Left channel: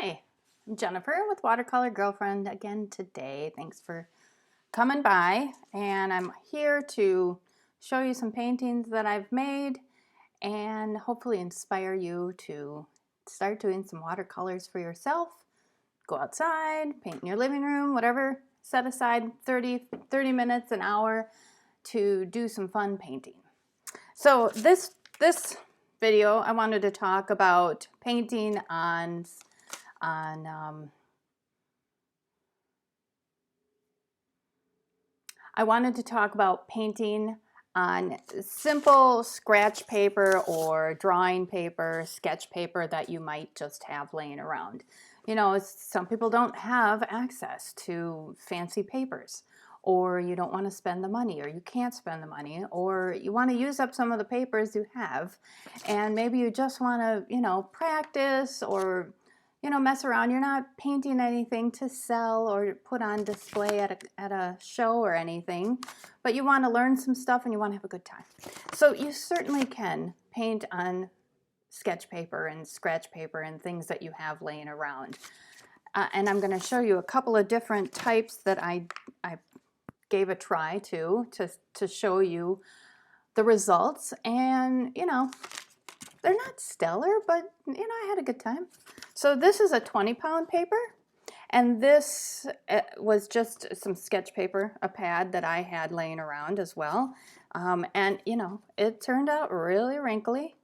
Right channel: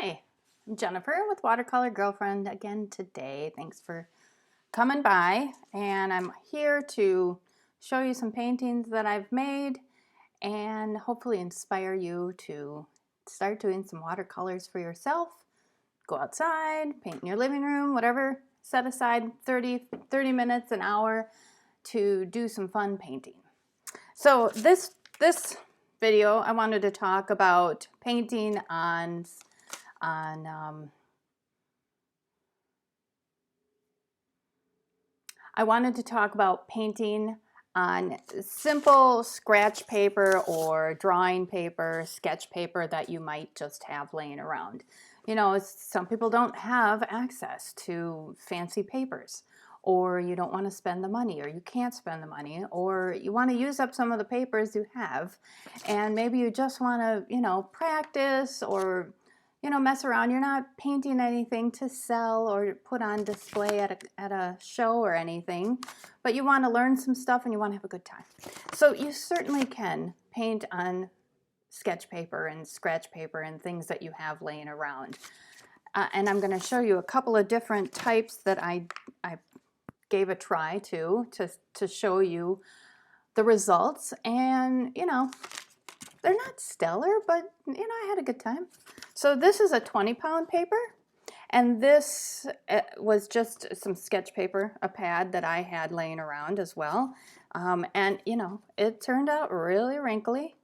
Hi, I'm Jennifer with Watercolor Girlfriend again today. Thanks for coming by, and I'm here to show you some paintings that I've made and hopefully inspire you to start doing some watercolors for yourself. Go outside, paint in your living room, whatever. Set aside 30 minutes, an hour to do some fun painting. So this video, I wanted to talk about painting on I wanted to talk about painting on simple scratch paper or drawing paper, sketch paper that you might just have laying around. You know, some people don't have access to fancy papers, or you don't want to spend the money, or you can't spend the money, or you want to use up some of the papers you have, and maybe you just want to, practice or mess around. You're not painting anything to sell or put on display at a show or anything, but you want to learn some stuff and you want to have a good time. So you certainly can paint on sketch paper and scratch paper and things that you have laying around. And I'm going to show you a couple of different types that I gave a try to show you the results. And, they're not stellar, but, I had a good time. So this is a 20-pound paper, and this was just some sketch paper, a pad that I had laying around as well. And, it turned out really wrinkly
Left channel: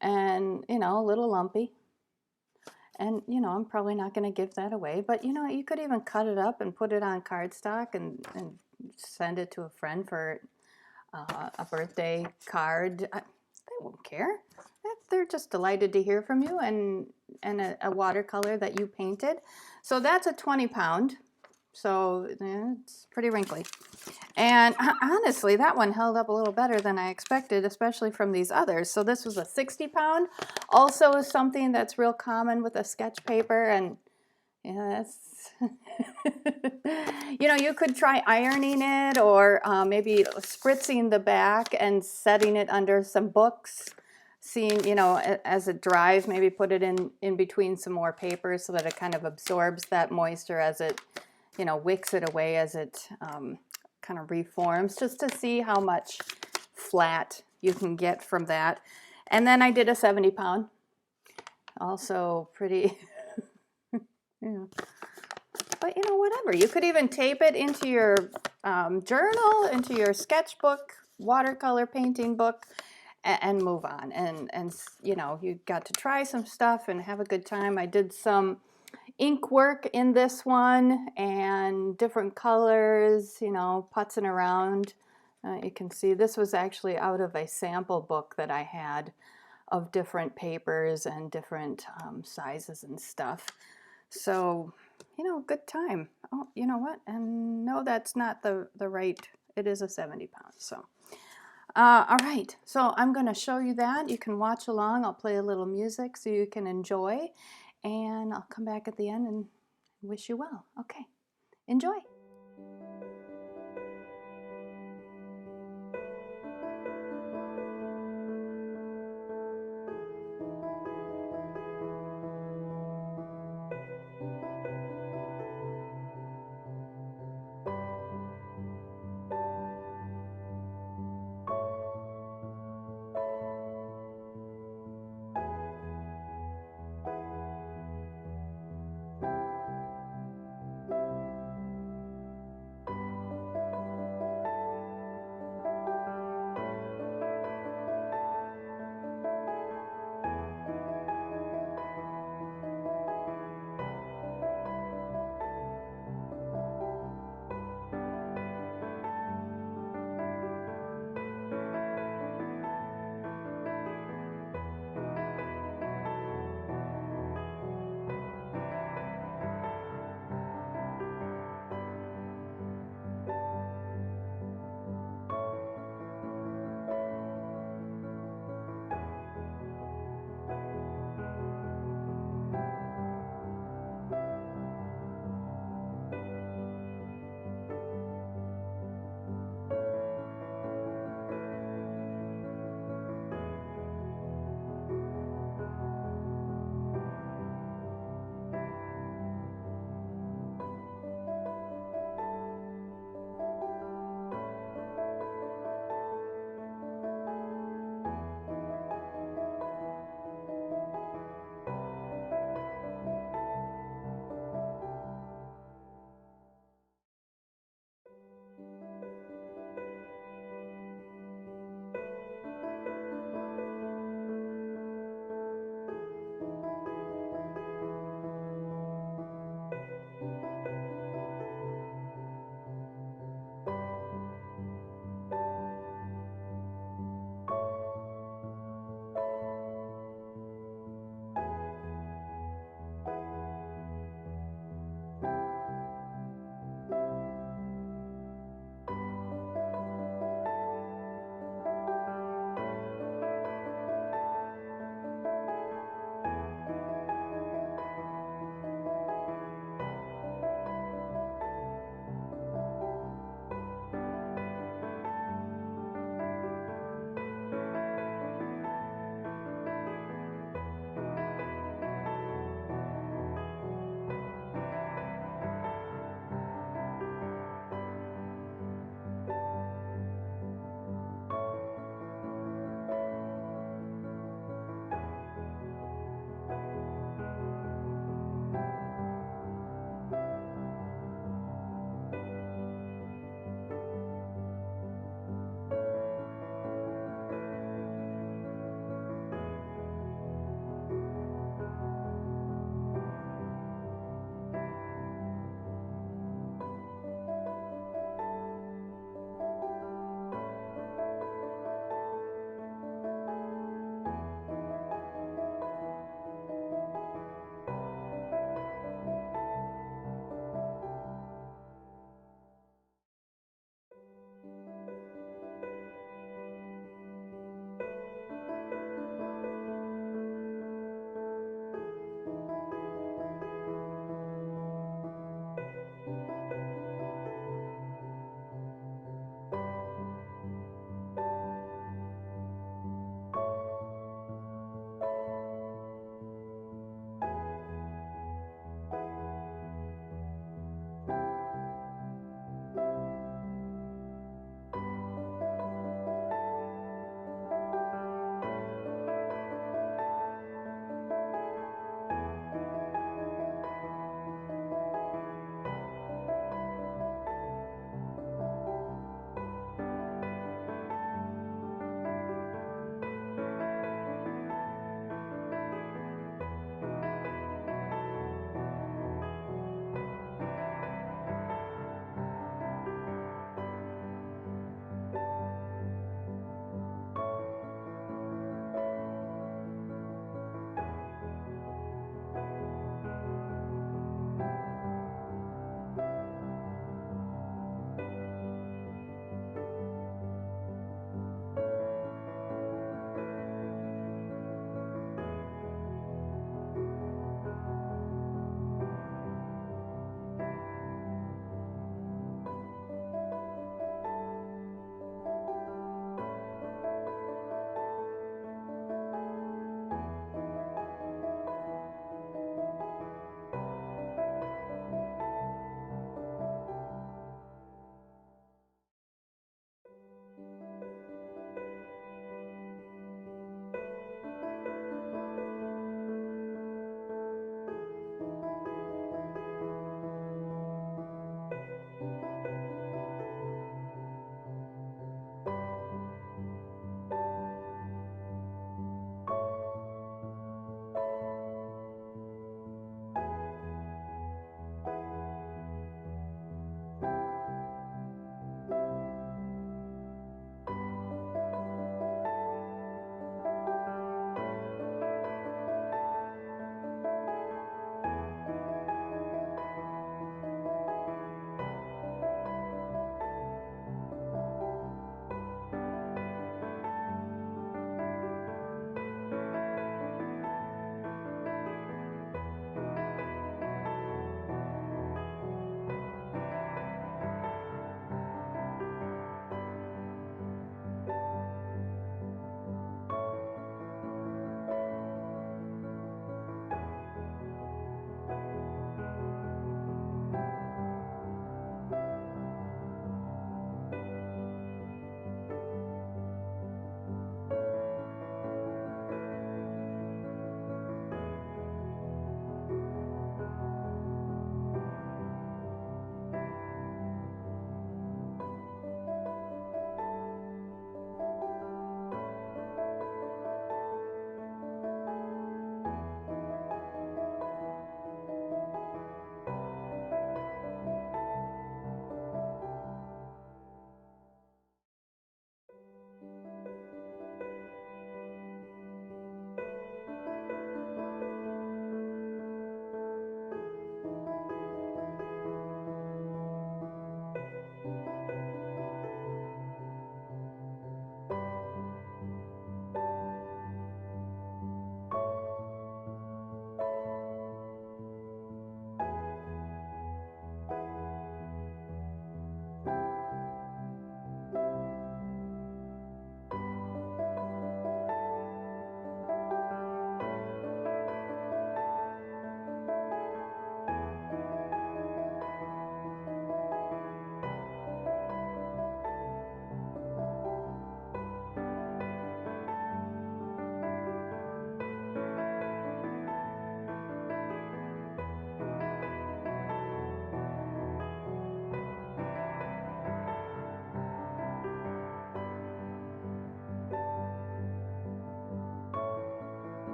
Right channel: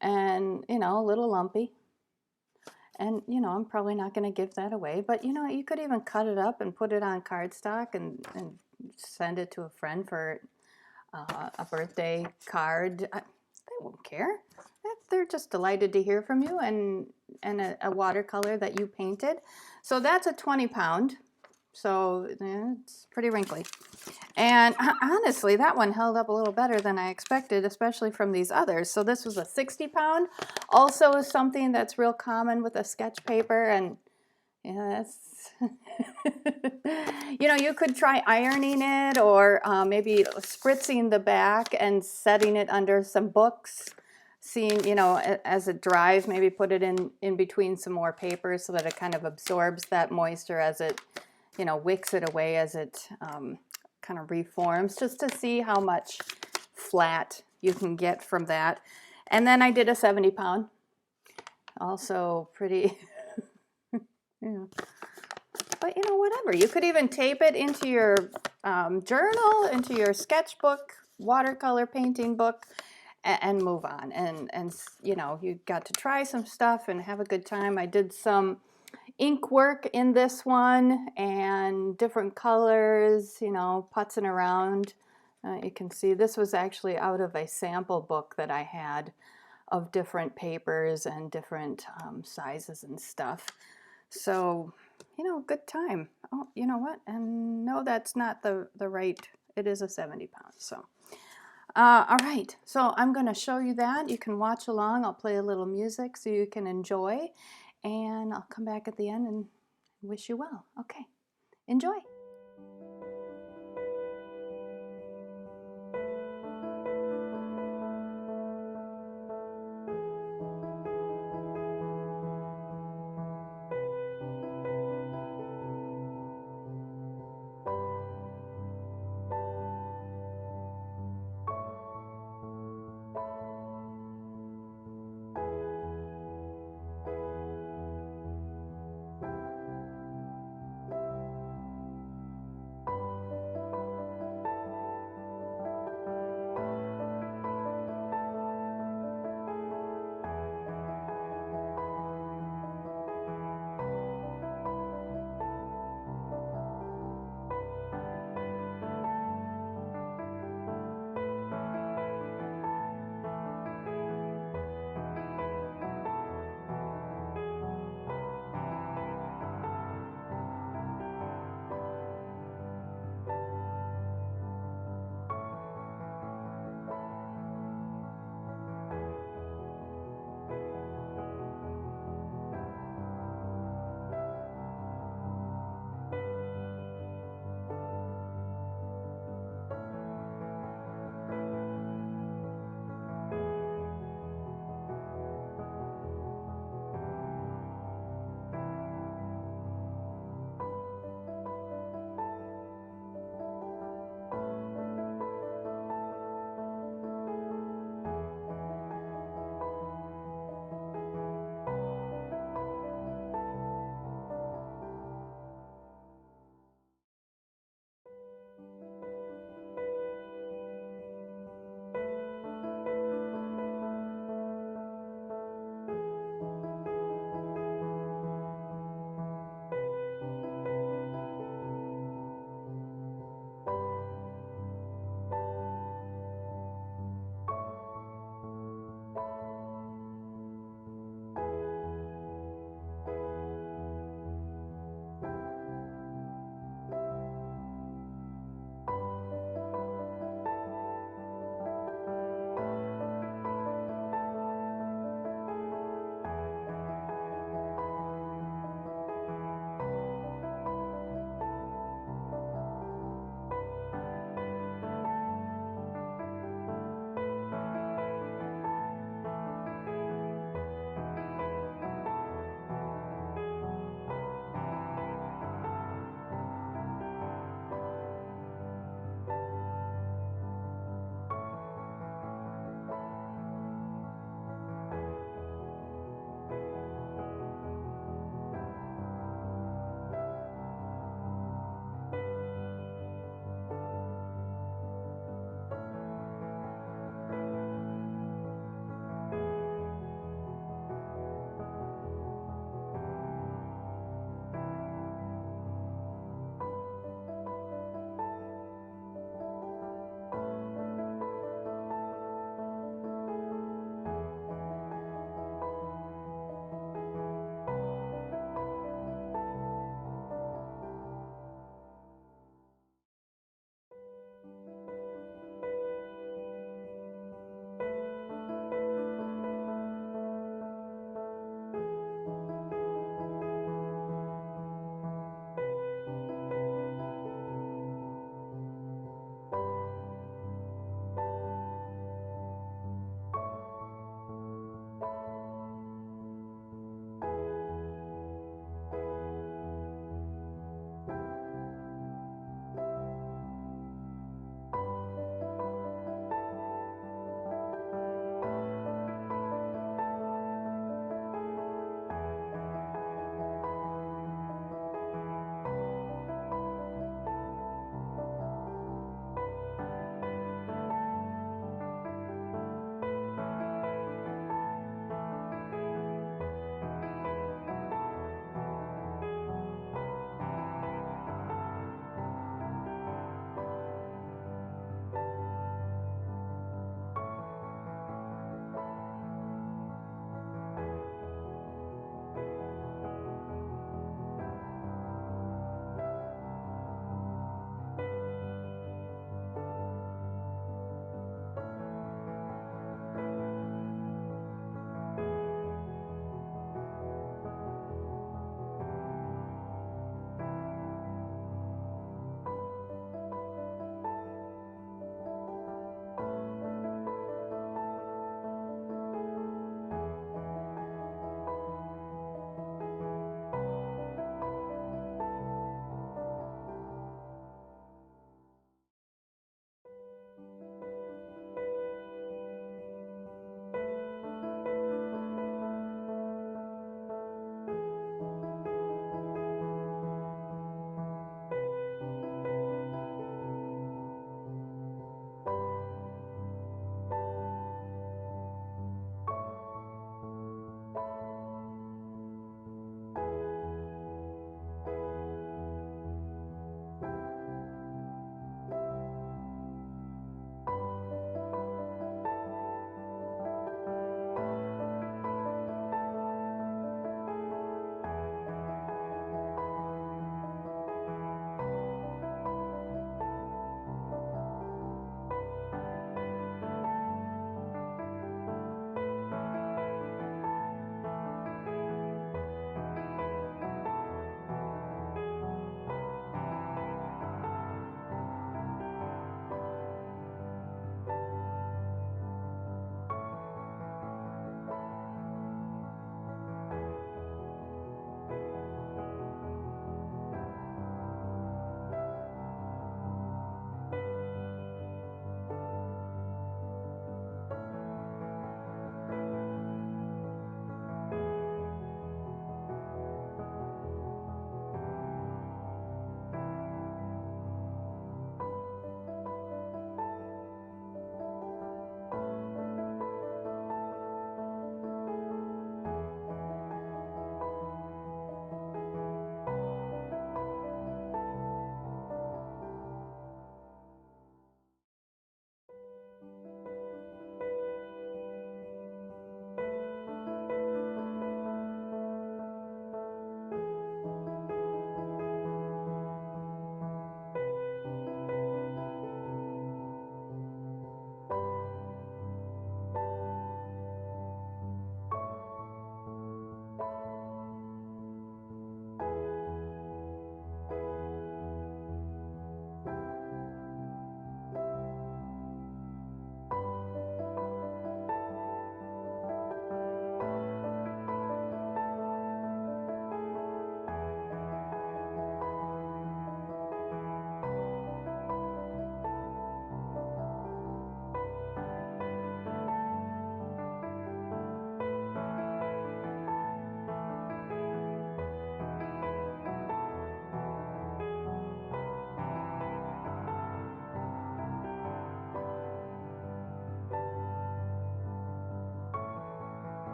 and, a little lumpy. And, I'm probably not going to give that away, but, you could even cut it up and put it on cardstock and send it to a friend for a birthday card. They won't care. They're just delighted to hear from you and a watercolor that you painted. So that's a 20-pound. So it's pretty wrinkly. And honestly, that one held up a little better than I expected, especially from these others. So this was a 60-pound. Also is something that's real common with a sketch paper. And that's you could try ironing it or maybe spritzing the back and setting it under some books, seeing, as it dries, maybe put it in between some more paper so that it kind of absorbs that moisture as it, wicks it away as it kind of reforms, just to see how much flat you can get from that. And then I did a 70-pound, also pretty... yeah. But whatever. You could even tape it into your journal, into your sketchbook, watercolor painting book, and move on. And you got to try some stuff and have a good time. I did some ink work in this one and different colors, putzing around. You can see this was actually out of a sample book that I had of different papers and different sizes and stuff. So, good time. Oh, you know what? And no, that's not the right, it is a 70-pound. So, all right. So I'm going to show you that. You can watch along. I'll play a little music so you can enjoy. And I'll come back at the end and wish you well. Okay. Enjoy.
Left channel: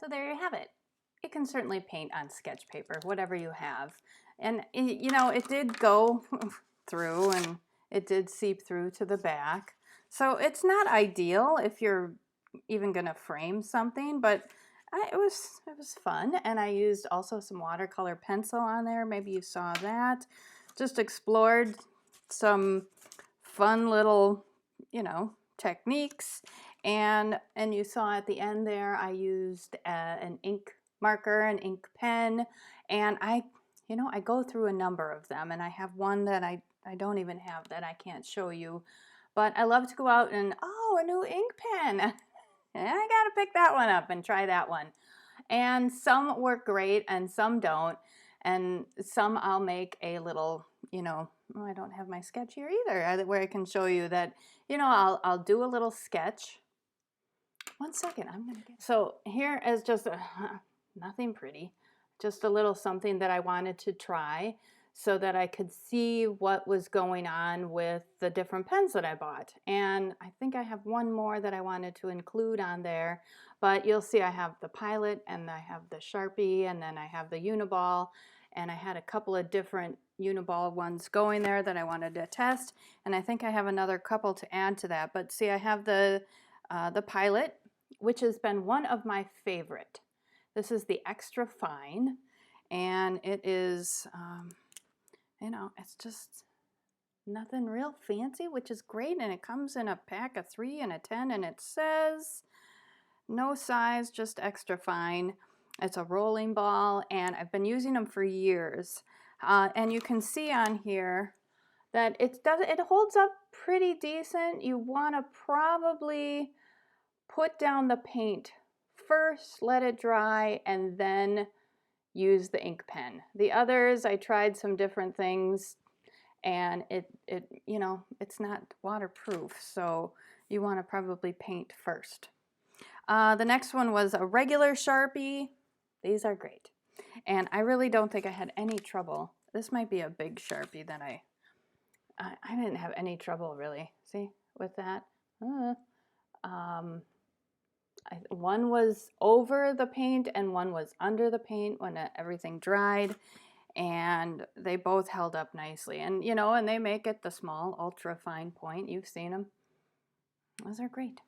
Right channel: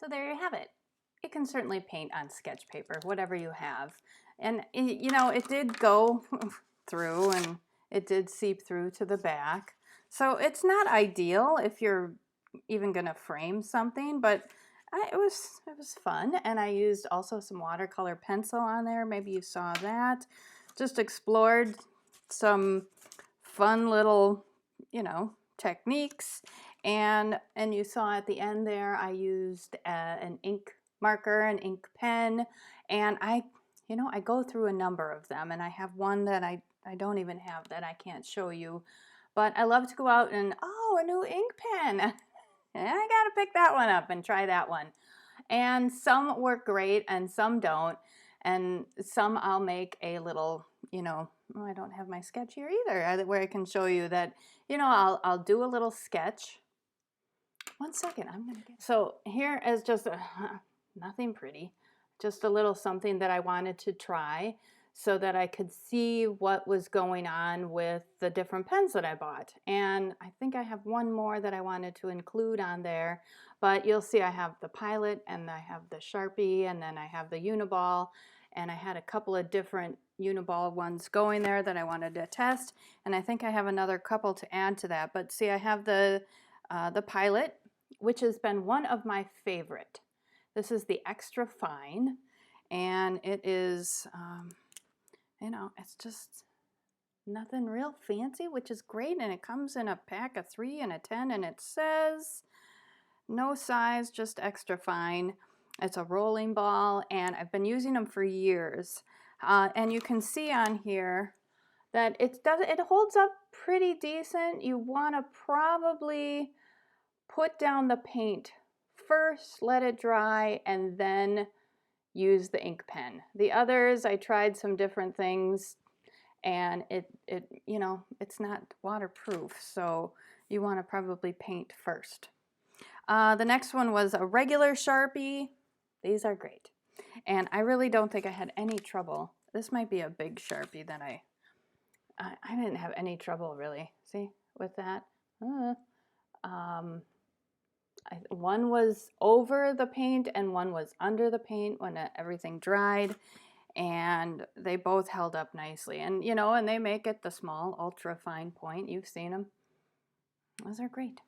So there you have it. You can certainly paint on sketch paper, whatever you have. And you know, it did go through and it did seep through to the back. So it's not ideal if you're even gonna frame something, but it was fun. And I used also some watercolor pencil on there. Maybe you saw that. Just explored some fun little, you know, techniques. And you saw at the end there, I used an ink marker, an ink pen, and I go through a number of them, and I have one that I don't even have that I can't show you, but I love to go out and, oh, a new ink pen. I gotta pick that one up and try that one. And some work great and some don't. And some I'll make a little, you know, oh, I don't have my sketch here either, where I can show you that, you know, I'll do a little sketch. One second, I'm gonna get. So here is just nothing pretty, just a little something that I wanted to try so that I could see what was going on with the different pens that I bought. And I think I have one more that I wanted to include on there, but you'll see I have the Pilot and I have the Sharpie and then I have the Uniball, and I had a couple of different Uniball ones going there that I wanted to test, and I think I have another couple to add to that. But see, I have the Pilot, which has been one of my favorite. This is the extra fine, and it is, you know, it's just nothing real fancy, which is great, and it comes in a pack of 3 and a 10, and it says no size, just extra fine. It's a rolling ball, and I've been using them for years, and you can see on here that it holds up pretty decent. You want to probably put down the paint first, let it dry, and then use the ink pen. The others, I tried some different things, and it you know, it's not waterproof, so you want to probably paint first. The next one was a regular Sharpie. These are great, and I really don't think I had any trouble. This might be a big Sharpie that I didn't have any trouble really, see, with that. One was over the paint and one was under the paint when everything dried, and they both held up nicely. And you know, and they make it the small ultra fine point. You've seen them. Those are great.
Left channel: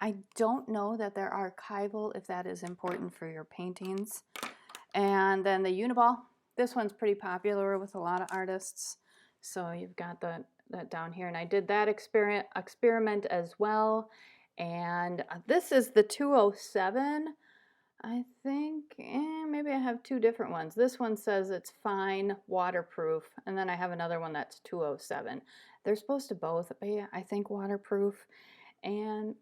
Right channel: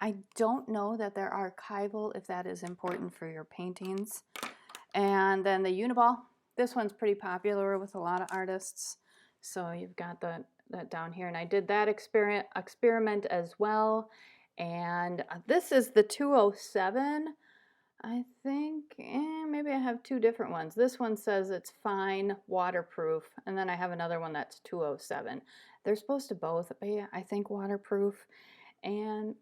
I don't know that they're archival, if that is important for your paintings. And then the Uniball. This one's pretty popular with a lot of artists. So you've got that down here, and I did that experiment as well. And this is the 207, I think. Maybe I have two different ones. This one says it's fine, waterproof, and then I have another one that's 207. They're supposed to both be, I think, waterproof. And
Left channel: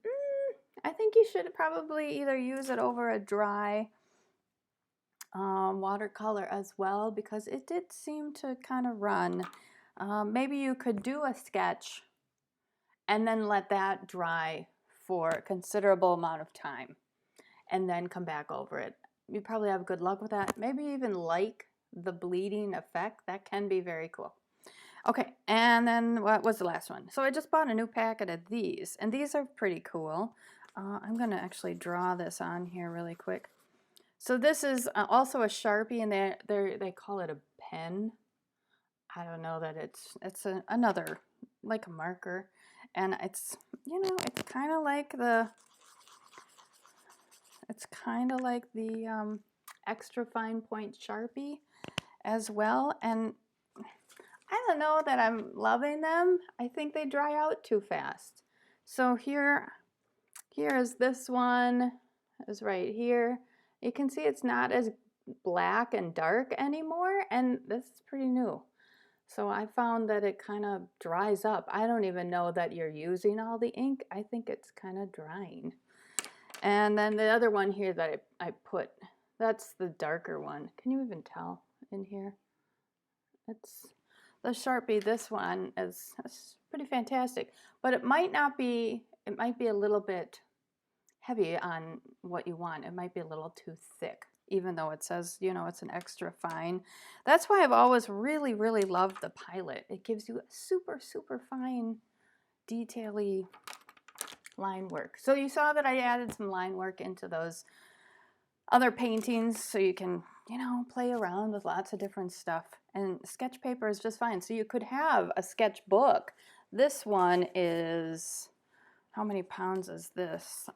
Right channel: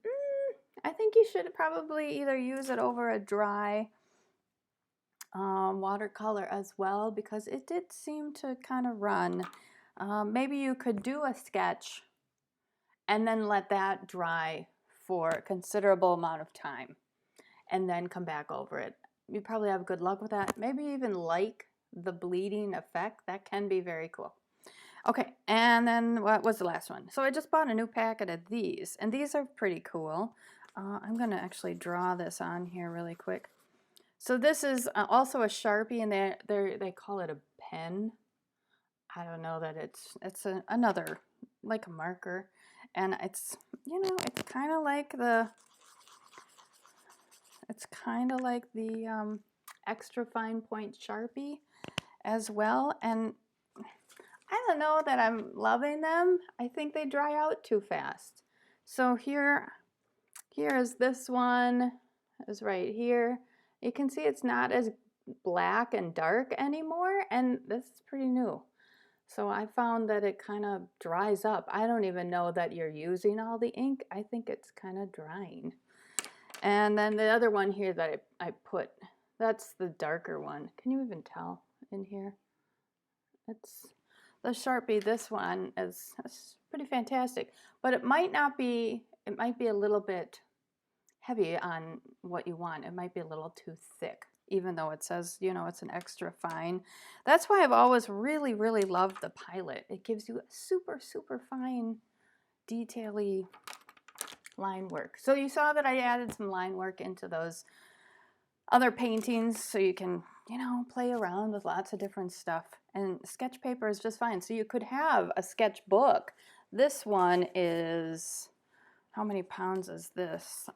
I think you should probably either use it over a dry watercolor as well, because it did seem to kind of run. Maybe you could do a sketch and then let that dry for a considerable amount of time and then come back over it. You probably have good luck with that. Maybe even like the bleeding effect. That can be very cool. Okay, and then what was the last one? So I just bought a new packet of these, and these are pretty cool. I'm going to actually draw this on here really quick. So this is also a Sharpie, and they call it a pen. I don't know that it's another, like a marker, and it's, you know, it's kind of like the extra fine point Sharpie as well. And I don't know that I'm loving them. I think they dry out too fast. So here is this one, is right here. You can see it's not as black and dark anymore, and this is pretty new. So I found that it kind of dries up. I don't even know that you're using all the ink. I think it's kind of drying. And then the other one here that I put, that's the darker one. Can you even tell in here? It's the Sharpie. This one is pretty fantastic, but it might not be, it might be a little bit heavy on what you want. It might be a little too thick, even though it says, you know, it's an extra fine. That's why I've always really, really loved the Pilot. It gives you a super, super fine, detail-y line work. So you saw that I added some line work into those other paintings, so you can, you know, play around with lots of different stuff. And sketch paper is just fine. So you could have a sketchbook. This one is, how many pounds is this?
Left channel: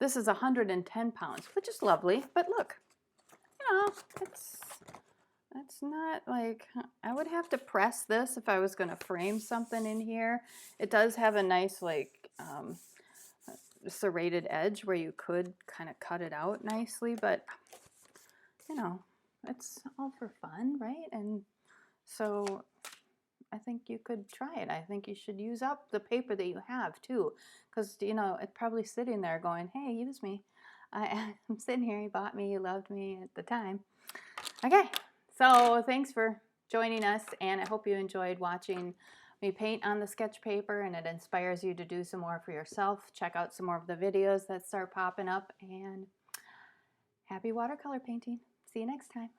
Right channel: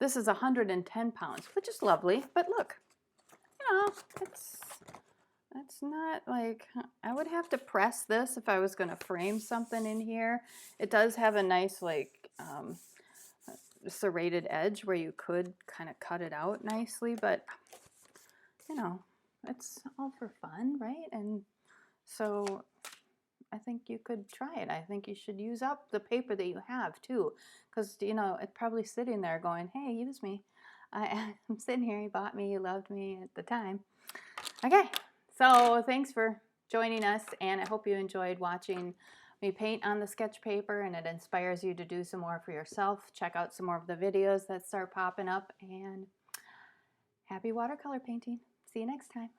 This is 110 pounds, which is lovely. But look, you know, it's not like, I would have to press this if I was going to frame something in here. It does have a nice like serrated edge where you could kind of cut it out nicely, but you know, it's all for fun, right? And so I think you could try it. I think you should use up the paper that you have too, because you know, it's probably sitting there going, hey, use me. I'm sitting here, you bought me, you loved me at the time. Okay, so thanks for joining us, and I hope you enjoyed watching me paint on the sketch paper and it inspires you to do some more for yourself. Check out some more of the videos that start popping up, and happy watercolor painting. See you next time.